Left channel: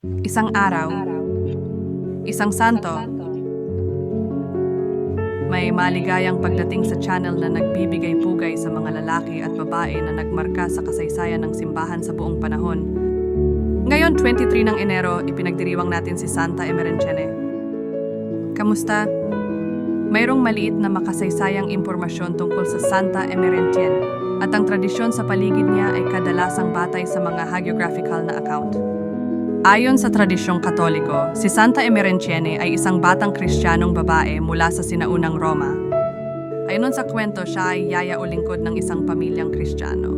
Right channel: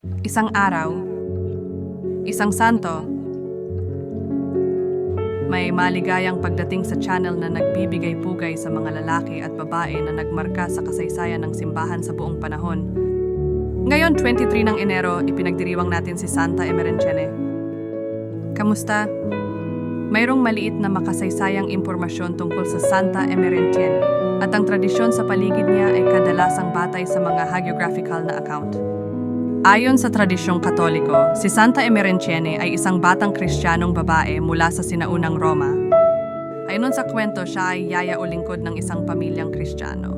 Isang araw, isang santo, may maligayang pagdating sa channel na nagbibigay pugay sa mga lalaki at babae na nagmarka sa kasaysayan ng simbahan sa buong panahon. Ngayon, 23 ng Enero, ipinagdiriwang natin si Santa Emerentiene. Kamusta? Mayroong maliit na makasaysayang impormasyon tungkol sa Santa Emerentiene at ang tradisyon sa paligid niya ay kadalasang batay sa mga hagiographical na account. Ayon sa tradisyong Katoliko, si Santa Emerentiene ay isang batang Kristiyanong babae mula sa sinaunang Roma. Ayon sa kwento, siya ay yaya o lingkod ng isang pamilyang Kristiyano.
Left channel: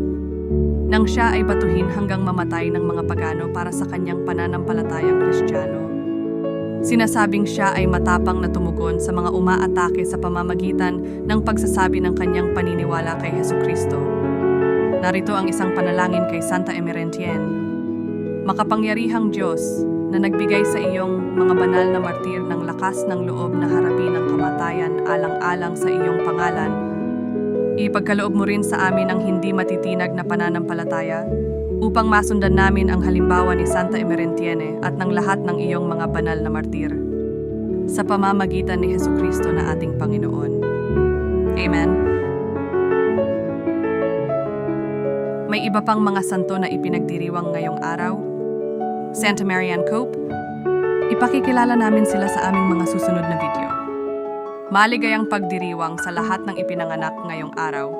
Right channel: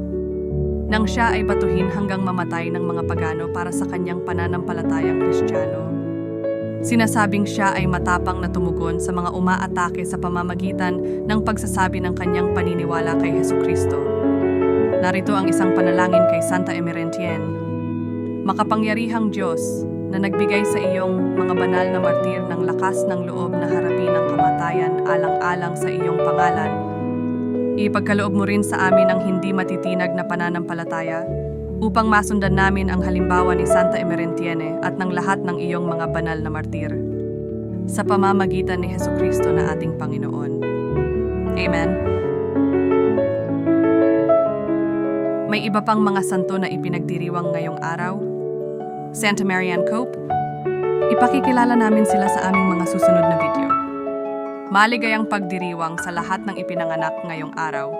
Nang siya ay batuhin hanggang mamatay ng mga pagano para sa kanyang pananampalatayang Kristiyano. Sinasabing siya ay matapang na tumugon sa mga umaatake sa pamamagitan ng pagsasabi ng kanyang paniniwala kay Hesukristo. Narito ang isang panalangin kay Santa Emerentiene. Makapangyarihang Diyos na nagbigay sa iyong mga banal na martir ng lakas ng loob na harapin ang kamatayan alang-alang sa iyong pangalan, ipagkaloob mo rin sa amin ang hindi matitinag na pananampalataya upang masundan namin ang halimbawa ni Santa Emerentiene at ng lahat ng iyong mga banal na martir. Sa pamamagitan ni Hesukristo na ating Panginoon. Amen. May iba pang mga santo na ipinagdiriwang ngayong araw. Santa Marianne Cope, ipakikilala namin sila sa aming mga susunod na video. Maligayang pagdiriwang sa lahat ng ipinanganak ngayong araw.